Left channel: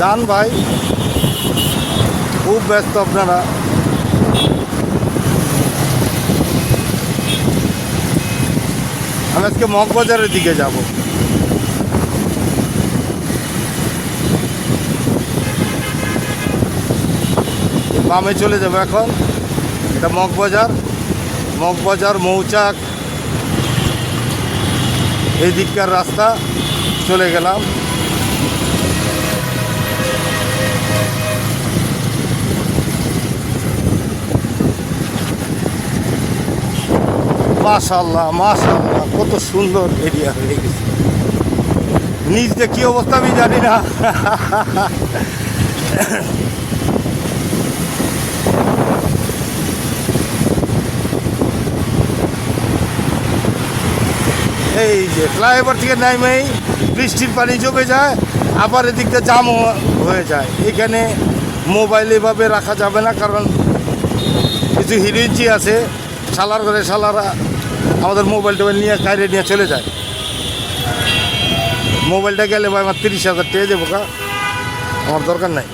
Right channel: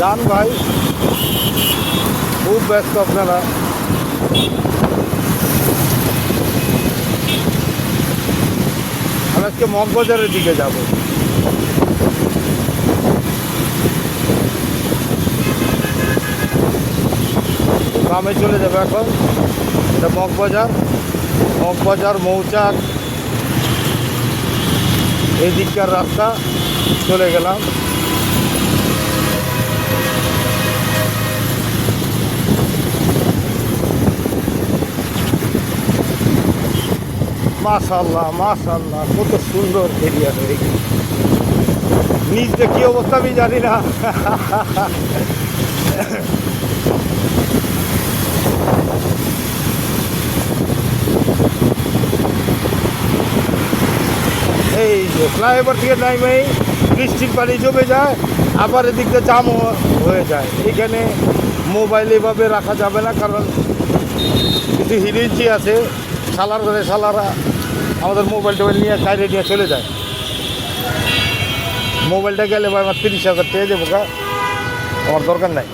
যান ভাই, খুব ব্যস্ত আপনারা। আমি আজকে মগবাজারের দিকে যাব। বামে চলে যাবো এখন। এটা মগবাজার, মগবাজার মৌচাক এই দিককার রাস্তা। চলে গেলাম। মাশাআল্লাহ মাশাআল্লাহ, কত সুন্দর এরিয়া হয়ে গেছে। নিচটা কি অবস্থা আমি জানি না। এই যে ফ্লাইওভার থেকে নামেই বৃষ্টির পানি জমে যায়, আবার এদিকটা জাম হয়ে যায়। এখানে মোবাইল এভাবে রাখা যাবে না, কারণ কিছু হিরোইনচি আছে, শালার করে শালারা আমাদের মোবাইল টোবাইল নিয়ে বাইরে নিয়ে চলে যায়। মোবাইলটা গেলে ভাই আমার 30,000 টাকা দেবো, আমার দরকার নাই।